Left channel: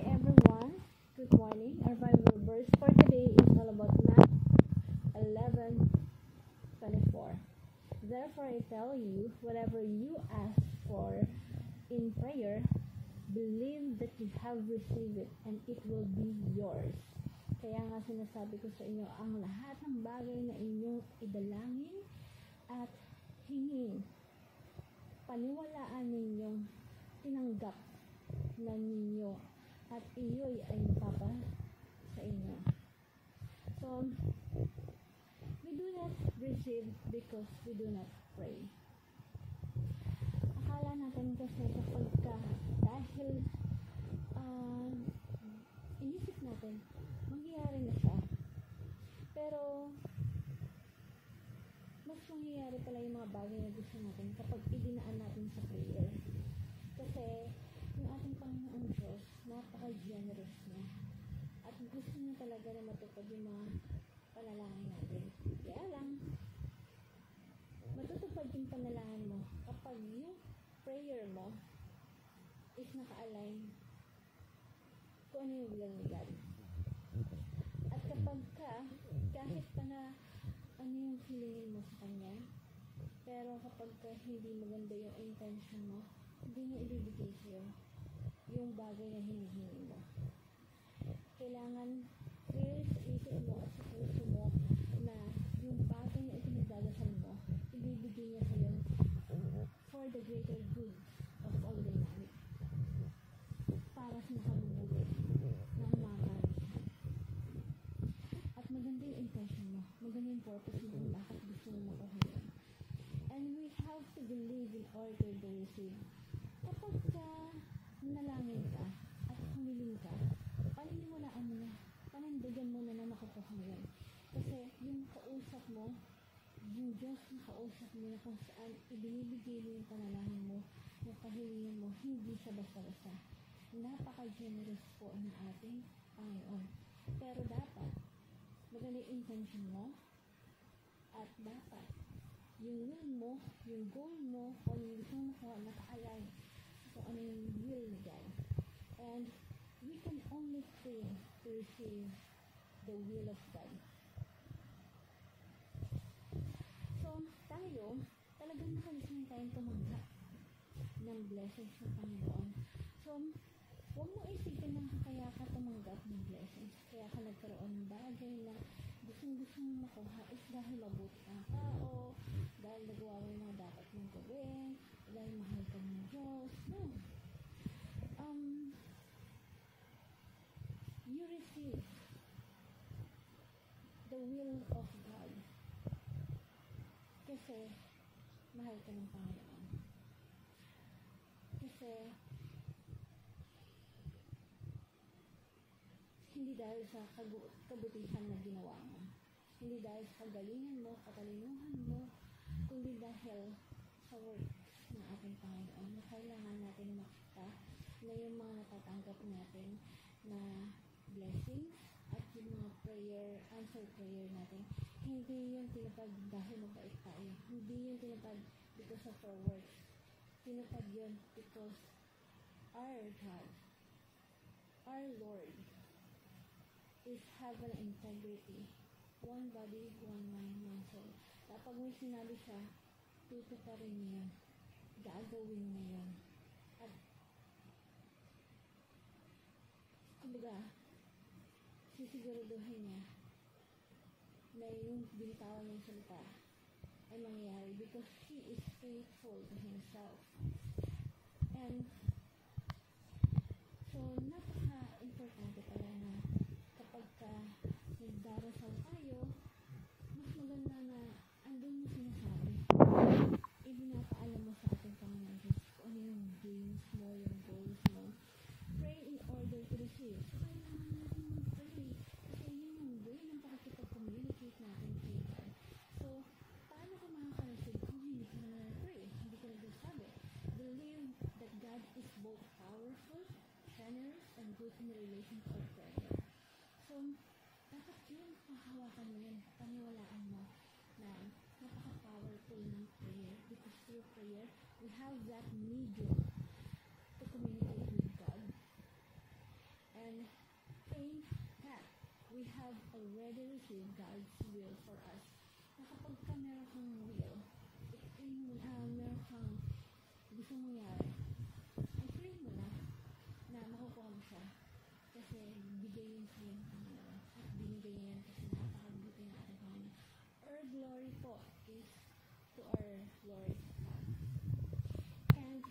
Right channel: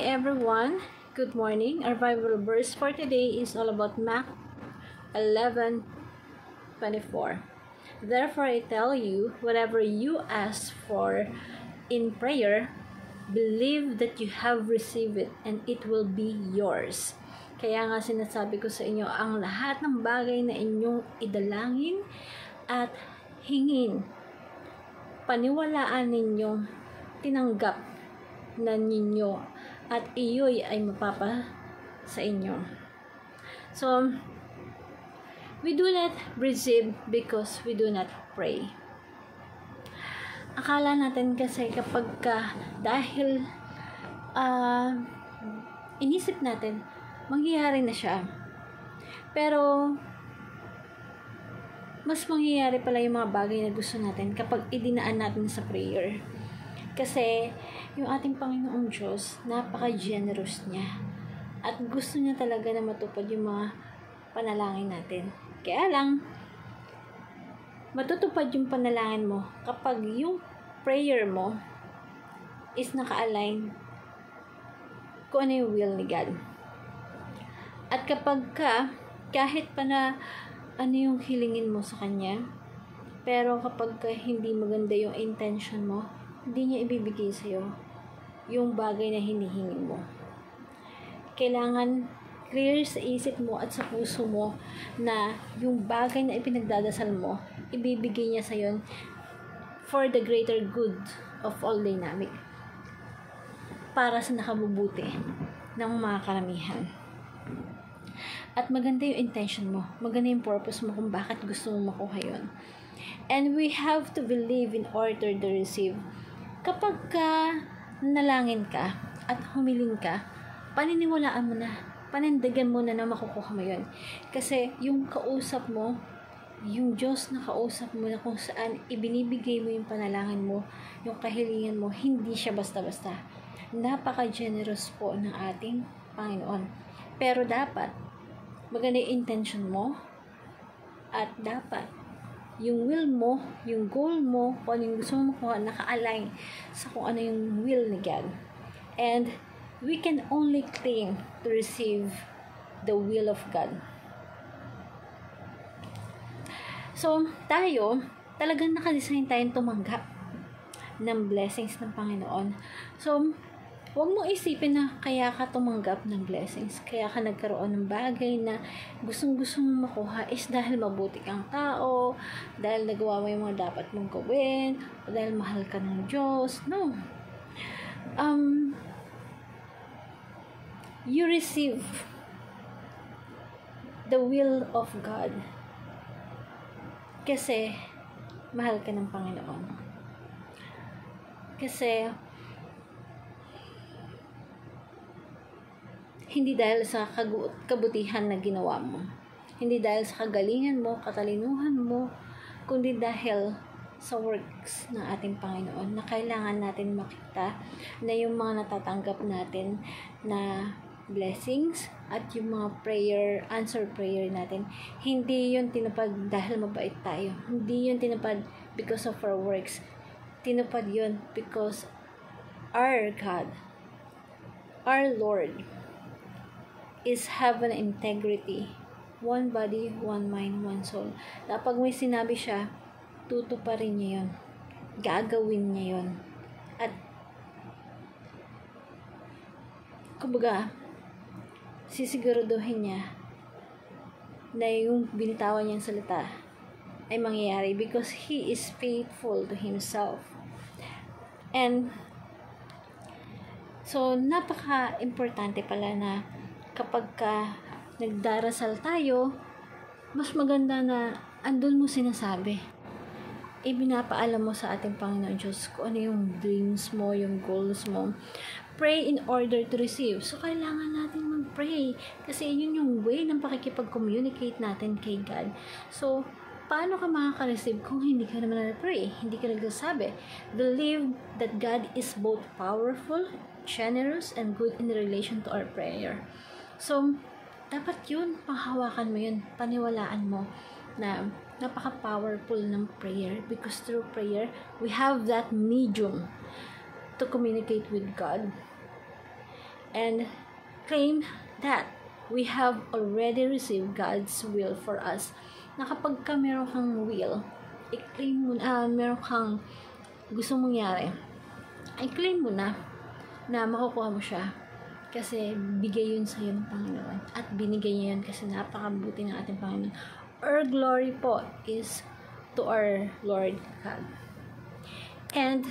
everyone, good morning. Our Bible verse for today is all about Mark 11:24. Therefore I tell you, whatever you ask for in prayer, believe that you have received it and it will be yours. Kaya nga sinasabi ko sa inyo, ang lahat ng bagay na inyong idalangin at hingin, paniwalaan ninyong tinanggap na ninyo at iyo'y ay mapapa sa inyo. So, we do not receive because we do not pray. Akala natin kasi kapag dahil inisip natin, mangyayari na siya. Pero, mas mangyayari pala yung mga bagay na gusto natin kapag idinaan natin sa prayer. Kasi, yung ating Panginoong Diyos, napaka-generous niya. At gusto niya talaga na matupad yung mga panalangin natin. Kaya lang, matutupad yung panalangin mo kapag yung prayer mo is naka-align kung ano yung will ni God. At kapag kahit pa na ano yung hilingin mo sa Kanya, pero kapag hindi maganda yung intention mo, hindi niya ibibigay sa'yo yung bagay na hinihingi mo. Kailangan clear sa isip mo at sa puso mo na yung bagay na ipinagdadasal mo, ibibigay niya sa'yo for the greater good of all dynamic, para sa nakabubuti ng mga karamihan. At maganda yung intention mo, maganda yung purpose mo kung bakit gusto mo makuha yun. And we have to believe in order to receive. Kapag nalangin ka at humiling ka, paniniwalaan mo na, panindigan mo na makukuha mo yun. Kasi yung kausap mo, yung Diyos na kausap mo na kung saan ibinibigay mo yung panalangin mo, yung kahilingan mo, hindi siya basta-basta. Napaka-generous po ng ating Panginoon. Pero dapat, maganda yung intention mo, at dapat yung will mo, yung goal mo, kung ano yung gusto mo makuha, naka-align sa kung ano yung will ni God. And we can only claim to receive the will of God. So, tayo, talagang nakadesign tayong tumanggap ng blessings ng Panginoon. So, huwag mo isipin na kaya ka tumanggap ng blessings, kaya ka nagkaroon ng bagay na gustong-gusto mong makuha is dahil mabuti kang tao, dahil nagawa mo yung mga dapat mong gawin, o dahil mahal ka ng Diyos. No. You receive the will of God kasi mahal ka ng Panginoon. Kasi hindi dahil sa kabutihan na ginawa mo, hindi dahil sa kagalingan mo, katalinuhan mo, kundi dahil sa works ng ating Panginoon na kailangan natin makita na yung mga natatanggap natin na blessings at yung mga answer prayer natin, hindi yun tinupad dahil mabait tayo, hindi yun tinupad because of our works, tinupad yun because our God, our Lord is have an integrity, one body, one mind, one soul. Kapag may sinabi siya, tutuparin niya yun, gagawin niya yun, at kumbaga sisiguraduhin niya na yung binitawan niyang salita ay mangyayari because He is faithful to Himself. And so napaka-importante pala na kapag nagdarasal tayo, mas maganda na andun mo sinasabi, ibinapaalam mo sa ating Panginoon Diyos kung ano yung dreams mo, yung goals mo. Pray in order to receive. So, kailangan natin mag-pray kasi yun yung way ng pakikipag-communicate natin kay God. So, paano ka makaka-receive kung hindi ka naman na-pray? Hindi ka nagsasabi. Believe that God is both powerful, generous, and good in relation to our prayer. So, dapat yun, panghawakan mo yun, paniwalaan mo na napaka-powerful ng prayer because through prayer, we have that medium to communicate with God. and claim that we have already received God's will for us. Na kapag ka meron kang will, i-claim mo na, meron kang gusto mangyari, i-claim mo na makukuha mo siya. Kasi bigay yun sa'yo ng Panginoon. At binigay niya yun kasi napakabuti ng ating Panginoon. Our glory po is to our Lord God. And,